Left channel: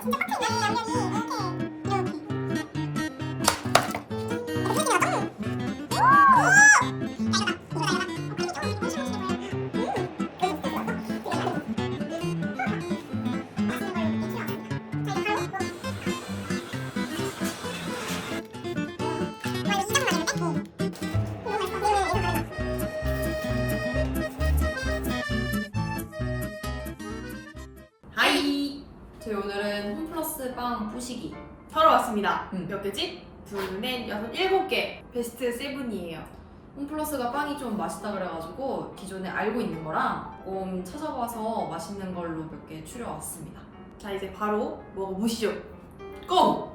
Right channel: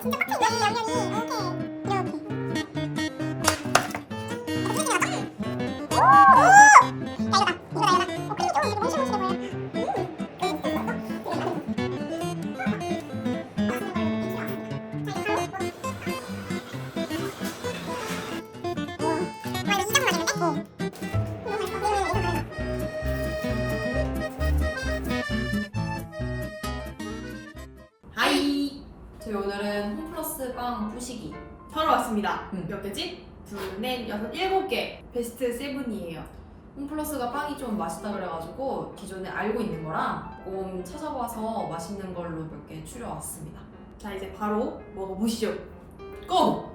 진짜 빡세네 양념이 이렇게 빵 부시기 사러 왔습니다. 음. 몇 개지? 둘, 넷, 여섯, 일곱 개. 베스트 세븐이에요. 홈플러스가 빵이 좀 맛있다 그래가지고 기존에 알고 있는 거랑 조금 찾아봐서 맛있는 걸로 몇 개 추려왔습니다 자, 이제 바로 먹어보시죠. 고!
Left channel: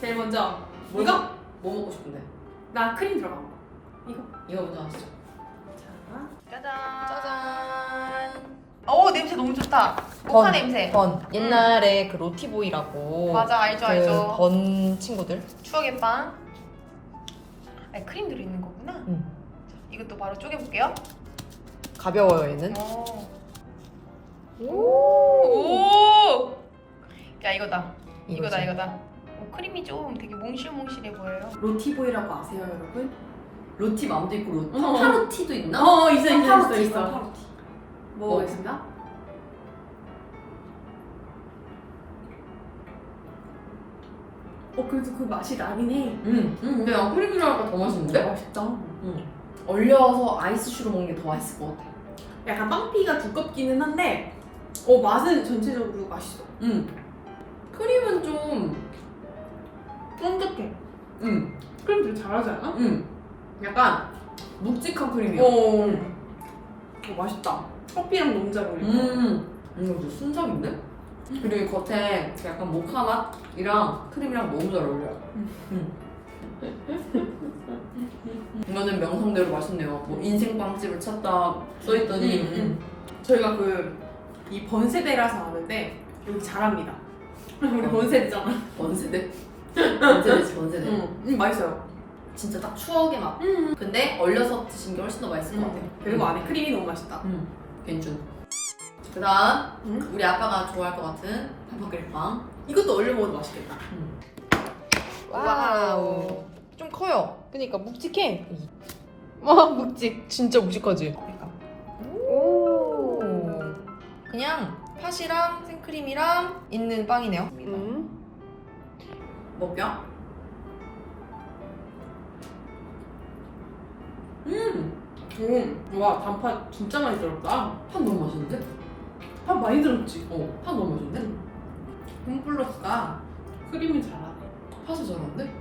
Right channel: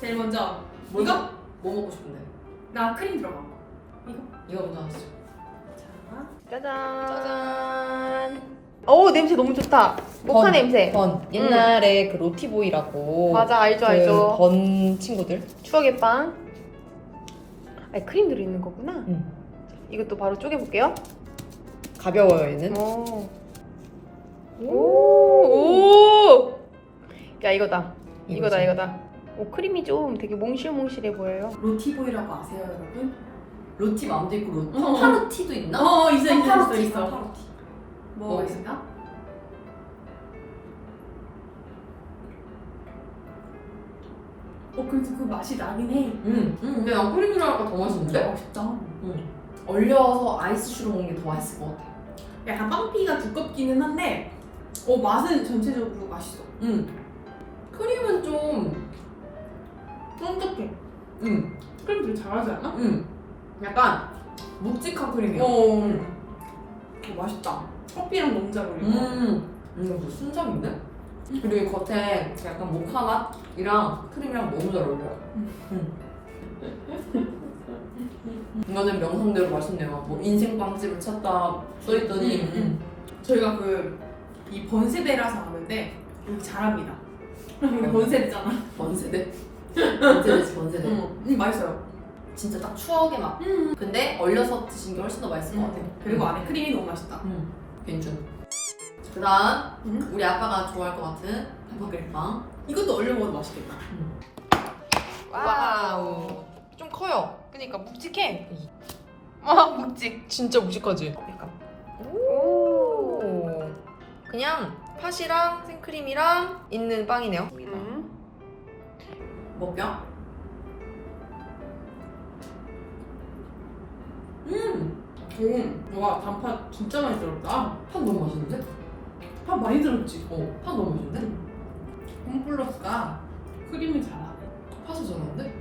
제일 먼저 뭐 이거? 뭐 먹고 싶은데? 나 크림 들어간 거. 이거 먼저 하시죠 자, 짜잔. 짜잔. 오 냄새 너무 좋다. 모카 냄새. 번 옛날에 그 로티보이라고 맞아 알죠 그 알죠. 번 친구들 추억의 빵. 아 크림 들어 있는 거구나. 응. 이것도 바로 쪼개볼게요. 가벼워요 얘는 오. 오. 오. 야 이거다. 이거다 이거지. 이거다. 오 크림이 좀 되게 몽실몽실해 보여요. 로티보이라고 아세요, 여러분? 로티 맘도 있고 로... 어. 파파로티도 있나? 어, 있어, 있어, 있어, 있어. 파파로티. 먹어보겠습니다. 어, 그래도 그 맛이 나긴 해. 응, 응 근데 난 크림이라니까 더 맛있는데? 맛있다. 응 얼려서 아이스슈로 먹는 게 더 맛있을 것 같아 약간 빵피가 두껍기는 한데, 어, 맛은 전체적으로 맛있어. 응 크림은 좀 쫀득해. 응, 크림 되게 잘하지 않아? 응. 약간 묵직한 크림이야. 어, 응. 어, 맛있다. 커피랑 너무 잘 어울려. 음. 이거 진짜 순삭인데? 그리고 이 겉에 그 약간 모카 맛이랑 크림이랑 너무 잘 어울려요. 음. 이거는 명성대로 맛있네요. 뭐 인생 빵집을 찾다 써있더니 음, 음. 저희가 그 이 번세대라서 아는데 여기 잘합니다. 우리 번세대잖아. 번세대? 번세대지 번세대. 음, 음, 맛있어요. 진짜 딱 추억의 맛. 음. 근데 얼려서 드신 게 훨씬 더 맛있을 것 같아요. 그리고 안에 크림이 너무 맛있다. 음. 괜찮. 그 다음 음. 우리 아빠가 좋아할 것 같은 한파크림빵. 이것도 얼려 먹어도 맛있겠다. 와우. 좀 커요. 그니까 묵직해. 와 묵직. 진짜 무식하지? 오. 그냥 팥이랑 생크림이랑 있는 빵이네요. 음. 먹겨? 음, 오, 와 단팥 진짜 많이 들었다. 팥 너무 맛있는데? 팥 많이 들었지. 어, 팥 너무 맛있는데? 홈플러스가 크림이 잘하네. 팥을 잘하는데?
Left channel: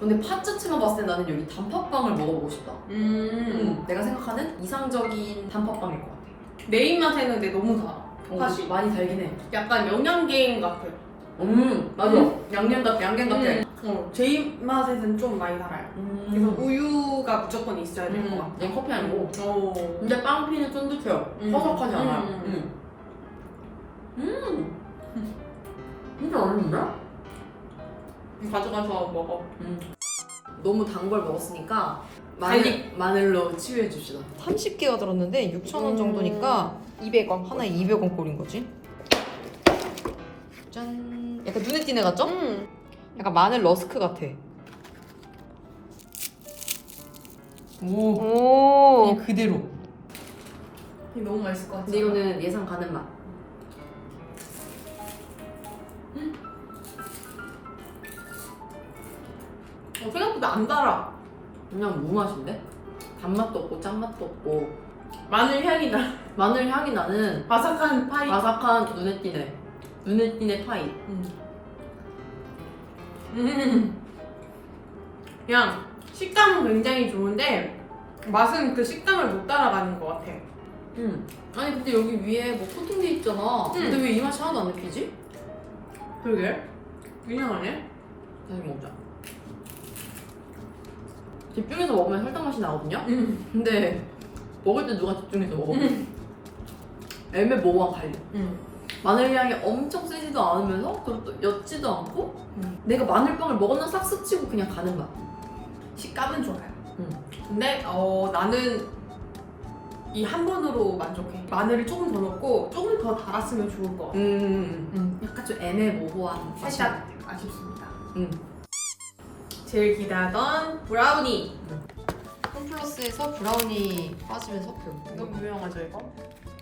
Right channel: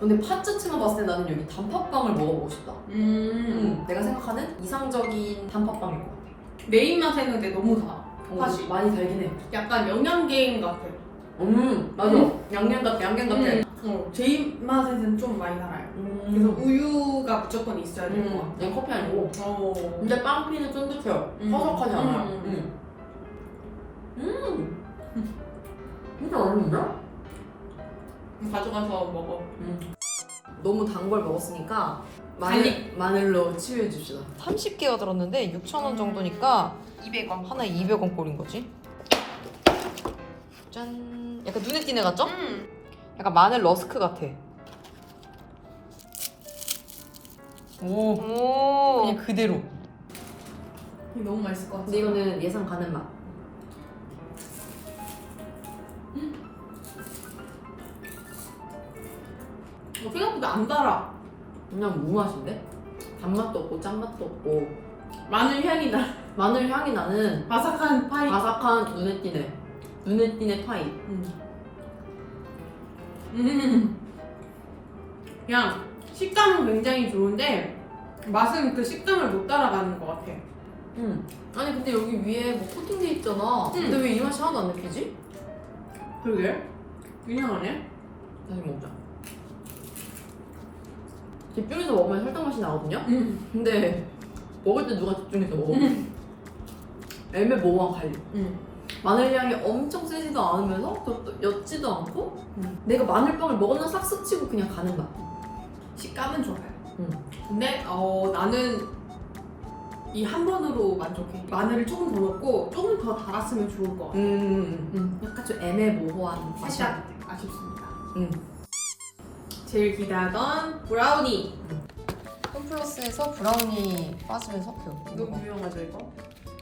근데 팥 자체만 봤을 때 나는 여기 단팥빵을 먹어보고 싶다. 음, 내가 생각하는 이상적인 단팥빵일 것 같아. 내 입맛에는 근데 너무 달아. 어, 팥이. 많이 달긴 해. 약간 영양갱 같아. 음, 맞아. 양념 같아, 양념 같아. 음. 어, 제 입맛에는 좀 많이 달아요. 음. 그래서 우유가 무조건 있어야 될것 음, 같아. 얘 커피 아니고. 어. 근데 빵피는 쫀득해요. 음. 퍼석하지 않아요. 음. 음. 음. 진짜 맛있는데? 가져가서 먹어. 너무 단 걸 먹었으니까 달리. 마늘로 치유해 줍시다. 30개가 들었는데 6,000원 음. 정도니까 200원. 하나에 200원 꼴인 거지. 짠. 약간 눈에 띄네 같죠? 음. 약간 마늘 러스크 같아. 오. 오. 그냥 그대로. 너무 맛있을 것 같아. 근데 이거는 예상 가는 맛. 어, 생각보다 안 달아. 그냥 무 맛인데? 단맛도 없고 짠맛도 없고 마늘 향이 나. 마늘 향이 나는 바삭한 파이. 바삭한 눈에 띄네. 눈에 띄네 파이. 음. 음. 그냥 식감은 굉장히 좋은데 맛은 그 식감을 못 따라가는 것 같아. 음. 아니 근데 여기 위에 뭐 코팅돼 있잖아. 근데 왜 이 맛이 하나도 안 느끼지? 그러게. 이상하네. 다시 먹자. 집중해서 먹으면 설탕 맛이 나거든요. 음. 근데 먹을 때 누가 집중해서 먹어? 애매 모호한 갈려. 음. 마늘 향이 엄청 세지도 않으면서 또 옅지도 않고 음. 내가 마늘빵을 먹었나 싹 스치고 그냥 가는 맛. 식감은 좋아요. 음. 근데 어 나는 이 한 번으로 만족해. 마늘을 조금 더 넣고 조금 더 달았으면 좋을 것 같아. 음. 음. 약간 좀 애매모호한 살짝 아쉽습니다. 음. 제일 기대하던 브라우니. 홈플러스에서 브라우니 빠지면 서표. 너무 유명하죠 이거?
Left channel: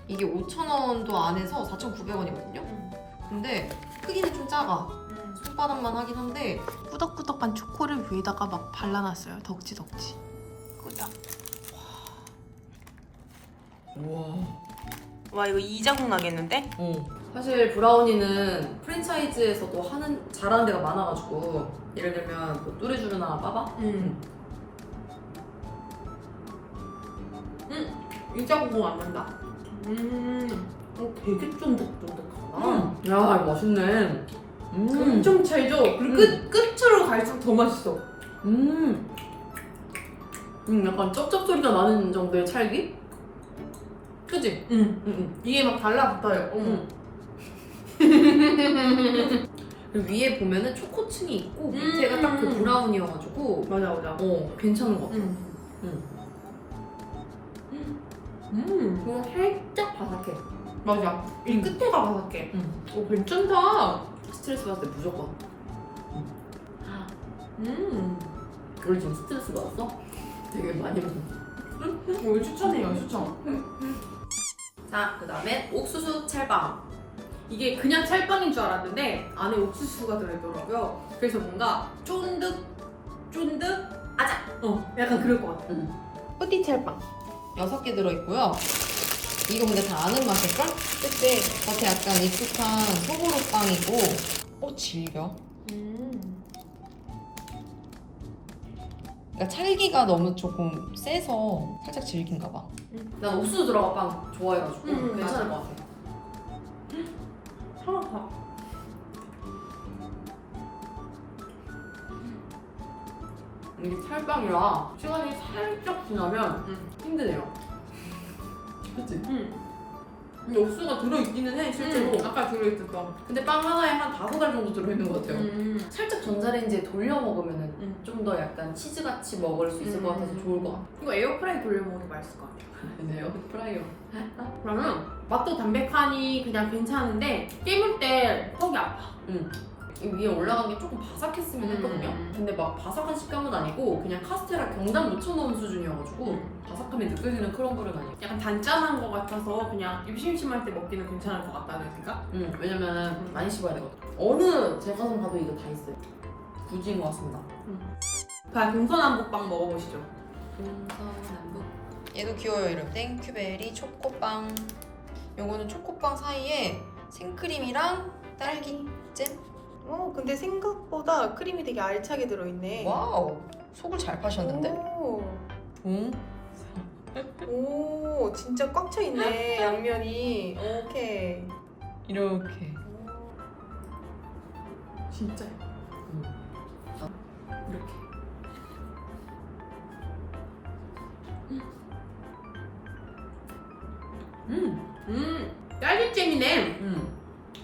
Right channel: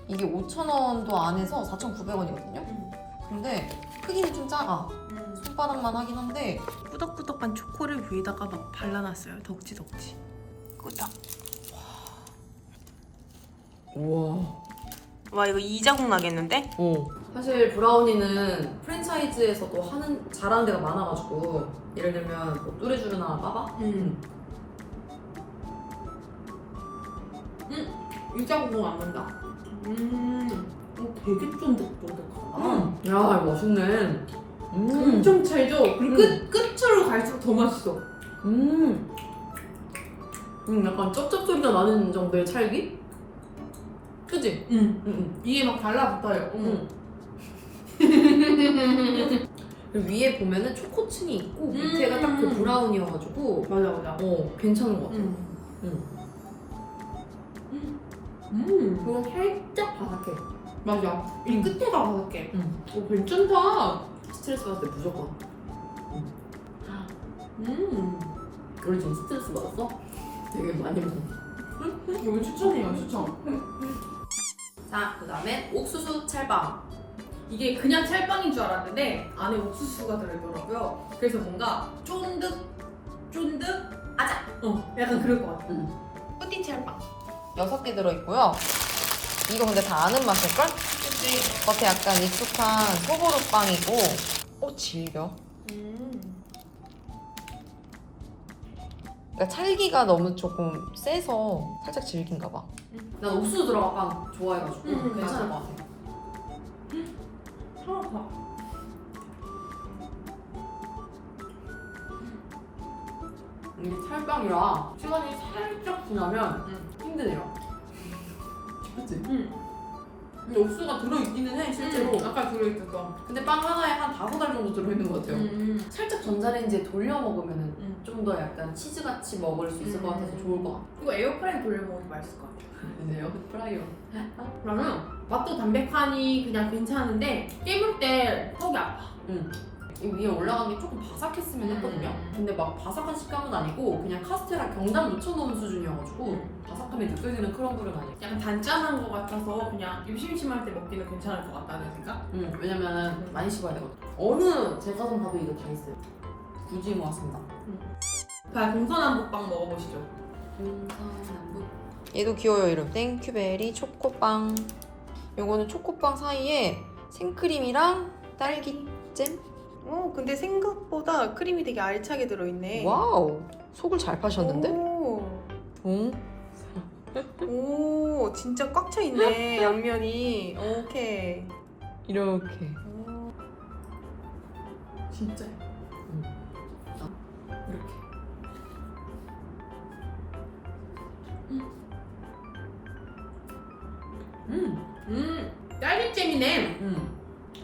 이게 5,000원도 안 해서 4,900원이거든요. 근데 크기는 좀 작아. 손바닥만 하긴 한데 꾸덕꾸덕한 초코를 위에다가 막 발라놨어요. 덕지덕지. 꾸덕. 우와. 와 이거 이자국 나겠는데? 어. 사실 브라우니는 프랜차이즈에서도 하는 잘하는 데가 많아가지고 예를 들면 뭐 뚜레쥬르나 빠바 음. 음. 이자국 안 난다. 음. 어, 되게 쫀득쫀득하다. 음. 야 이거 맛있네 음. 엄청 찰져. 그리고 끝, 끝으로 갈수록 더 맛있어. 음. 음 약간 쩝쩝 소리가 나는 정도의 찰기? 그지? 음. 응, 응. 이게 막 달라붙어요. 어머. 응. 그리고 위에 보면은 초코층이 있고 밑에가 딱그 음. 브라운이어가지고 맞아 맞아. 어 괜찮은 것 같아 음. 응. 음. 그리고 살짝 바삭해 맞아. 이 음. 끝에가 바삭해. 응. 오 괜찮다. 스트레스 받을 때 무조건 음. 우리 지금 스트레스 받았어? 되게 많이 먹어 이거 어, 추천해요 추천. 자, 그 다음에 옥수수 찰빵. 이게 그냥 찰빵인 줄 알았는데 안에 옥수수가 들어있더라고요. 그래서 뭔가 쫀득 쫀득 아작. 어 약간 그럴 것 같아. 뿌띠 찰빵. 여섯 개 들어있고요. 이거 근데 다 아는 맛일걸? 그치. 겉에 약간 익숙한 소보루 빵이고. 어, 질겨. 음. 그러니까 찰기가 너무 조금 세서 살짝 질긴가 봐. 난 옥수수 들어간 빵 좋아해가지고 음, 괜찮을 맞아. 것 같아. 사과파. 이게 찰빵이라 시간이 살짝 지나면 음. 힘드네요. 그치? 음. 근데 옥수수가 들어있기는 해 실제로. 음. 아까 들어있었던. 근데 빵 하나에 한 다섯 알 정도 들어있는 것 같아요. 음. 살짝 전자레인지에 돌려 먹으면 음. 좀 더 약간 치즈같이 먹을 수 있을 것 같아서 음. 좋을 것 같아요. 이거 에어프라이 돌려 먹어도 맛있을 것 같아요. 네, 프라이어. 그러면 맛도 담백하니 그냥 괜찮은데 깨물 때 턱이 아파. 이 위에 올라간 게 조금 바삭했으면 했거든요. 음. 근데 막 바삭한 식감은 아니고 그냥 카스테라 경단 묻혀놓은 수준이어가지고 음. 바삭함이 느껴지는 크럼블은 아니에요. 약간 단짠한 것 같아서 그냥 입 심심할 때 먹기는 괜찮을 것 같다는 생각? 음, 왜냐면 많이 씹어야 되거든. 어느 제과점 가도 이거 다 있어요. 굳이 인 것 같습니다. 자, 동서남북빵 먹어보시죠. 동서남북. 얘도 귀여워요, 이름. 땡큐베리 초코빵. 요거는 초코빵 사이에 생크림이랑 딸기 잼? 어, 근데 생각보다 크림이 되게 알차게 들어있네. 와우. 속을 잘 빠셨는데? 오, 응? 오, 진짜 꽉 차 있네 양면이. 오케이. 이렇게. 오. 진짜. 이렇게. 음, 음, 딸기잼이네. 음.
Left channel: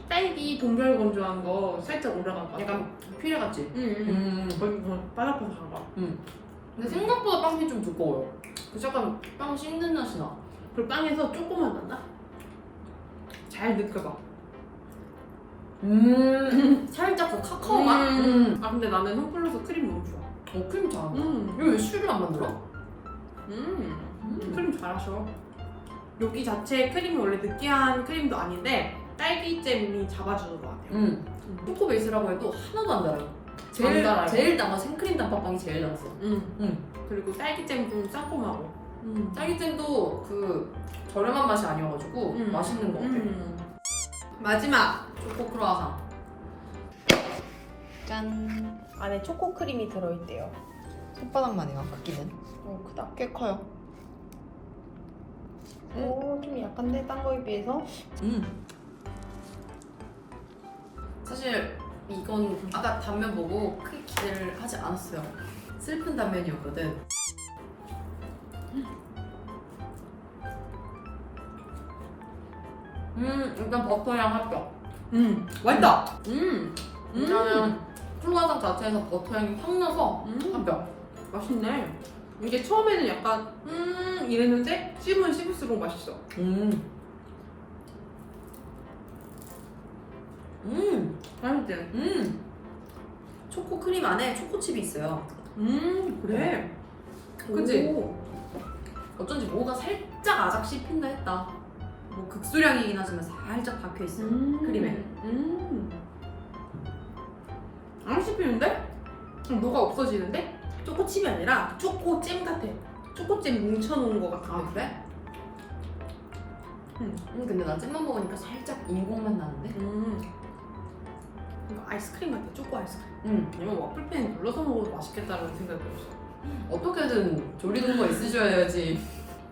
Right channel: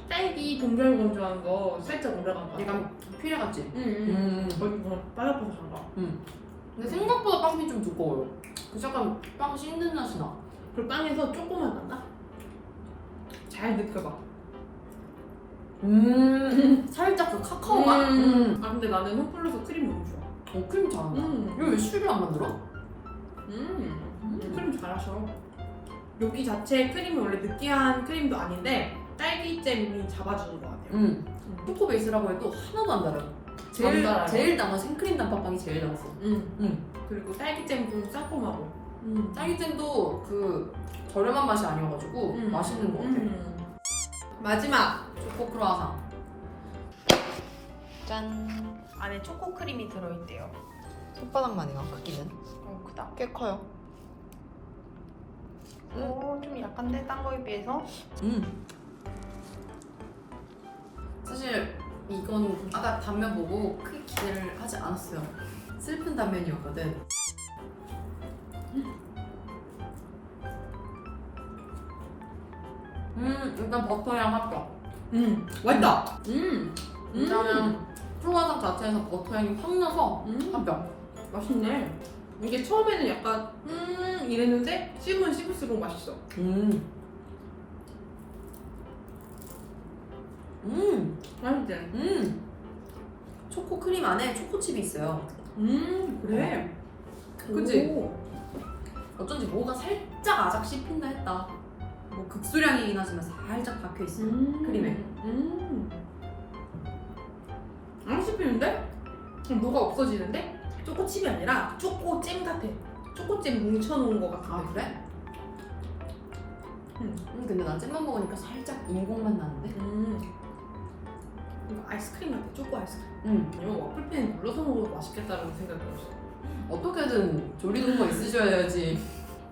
딸기 동결건조한 거 살짝 올라간 거. 약간 피레 같지? 음, 음. 음. 거기 뭐 바삭바삭한 거. 근데 생각보다 빵이 좀 두꺼워요. 그래서 약간 빵 씹는 맛이 나. 그 빵에서 조금만 난다. 잘 느껴봐. 음, 살짝 그 카카오 맛? 음. 아 근데 나는 홈플러스 크림 너무 좋아. 어, 크림 잘한다. 음. 이거 왜 슈를 안 만들어? 음. 음. 크림 잘하셔. 여기 자체 크림이 원래 느끼한 크림도 아닌데 딸기잼이 잡아주는 것 같아요. 음. 초코 베이스라고 해도 하나도 안 달아요. 제일, 안 달아요. 제일 단거 생크림 단팥빵이 제일 달았어. 음. 음. 그리고 딸기잼 좀 싸콤하고. 음. 딸기잼도 그 저렴한 맛이 아니어가지고 음. 맛있는 것 같아요. 음. 마지막 초코 크루아상. 짠. 안에 초코 크림이 들어있대요. 손바닥만 해요, 바뀌는. 오, 크다. 꽤 커요. 오, 좀 약한데 딴 거에 비해서? 음. 사실 이건 아까 단면 보고 크게 기대를 하지 않았어요. 슬픈 단면이었거든. 음, 일단 버터향 합격. 음 맛있다. 음. 왜냐면 크루아상 자체에서 버터향이 확 나서 음. 합격. 맛있네. 이게 처음에는 약간 음 이랬는데 씹으면 씹을수록 맛있어. 음. 음. 맛있지? 음. 초코 크림 안에 초코칩이 있어요. 음 그래. 그치? 오. 어쩐지 뭐가 살짝 아작 씹힌다 했다. 뭐 극소량이긴 하지만 살짝 박혀 있어요. 음. 크림에. 음. 안 씹히는데? 뭐가 없어지는데? 초코칩이 아니라 초코잼 같아. 초코잼 뭉쳐놓은 것 같아. 아 그래? 음. 음 근데 난 잼만 먹으니까 살짝 인공맛 나는데? 음. 아이스크림 같아. 초코 아이스크림. 음 아니면 와플팬 눌러서 먹어도 맛있겠다는 생각이 들었어. 어떻게든 조리도구가 있으셔야지.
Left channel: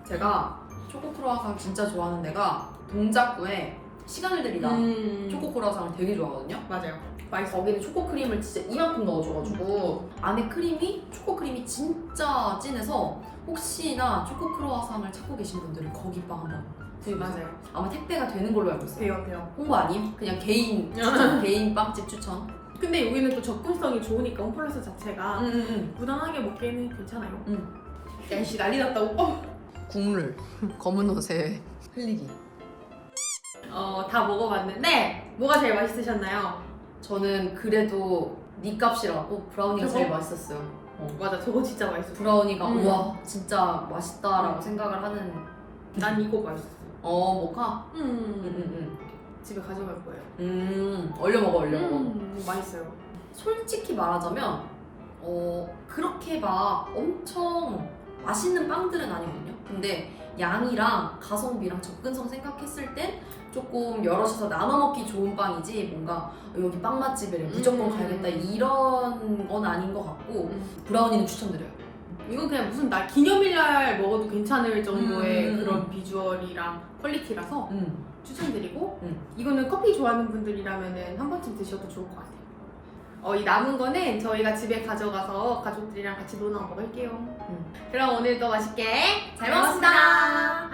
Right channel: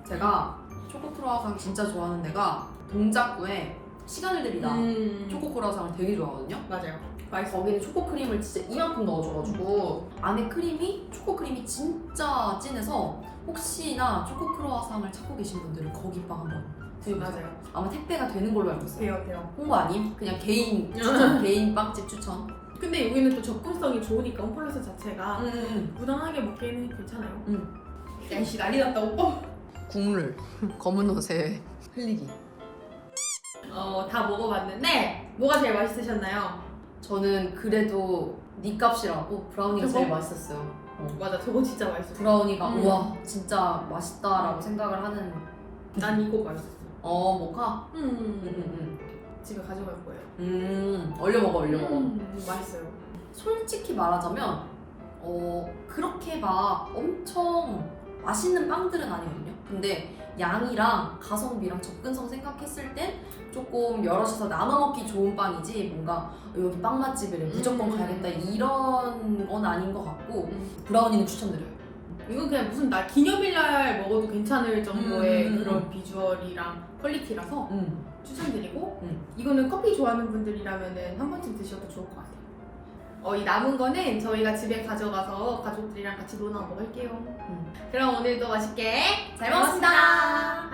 제가 초코 크로와상 진짜 좋아하는 데가 동작구에 시간을 들이다 음. 초코 크로와상을 되게 좋아하거든요. 맞아요. 맛있어. 거기는 초코 크림을 진짜 이만큼 넣어줘가지고 안에 크림이 초코 크림이 진짜 진해서 혹시나 초코 크로와상을 찾고 계신 분들은 거기 빵 한번 드셔보세요. 맞아요. 아마 택배가 되는 걸로 알고 있어요. 돼요, 돼요. 홍보 아님? 그냥 개인 추천, 개인 빵집 추천. 근데 여기는 또 접근성이 좋으니까 홈플러스 자체가 음, 무난하게 먹기에는 괜찮아요. 음. 날씨 난리 났다 오빠. 국물 검은 옷에 흘리기. 어, 다 먹어봤는데 뭐가 제일 맛있으셨나요? 저는 그래도 니 값이라고 브라우니가 그거? 제일 맛있었어요. 어. 맞아, 저거 진짜 맛있었어. 브라우니가 음. 우와 진짜 맛있다라고 생각을 하는 난 이거 맛있었어. 어 모카. 음, 음, 집에 가져갈 거예요. 음, 음. 얼려 먹어 얼려 먹어. 음, 맛있어요. 솔직히 말하자면 어 그렇게 막 엄청 맛있는 빵들은 아니거든요. 근데 양이랑 가성비랑 접근성 생각했을 땐 조금 여럿이서 나눠 먹기 좋은 빵이지 뭔가 여기 빵 맛집이래 무조건 음. 가야겠다 이런 건 아닌 것 같고 음. 브라우니는 추천드려요. 이건 그냥 무슨 나 기념일날 먹어도 괜찮을 정도의 음, 음, 그런 음. 비주얼이랑 퀄리티라서 음. 추천드리고 음. 이거는 커피 좋아하는 분들이라면 한 번쯤 드셔도 좋을 것 같아요. 어, 이 남은 거는 저희가 집에 가져가서 가족들이랑 같이 논아 먹을게요. 음. 그럼 오늘도 맛있게 잘 먹었습니다.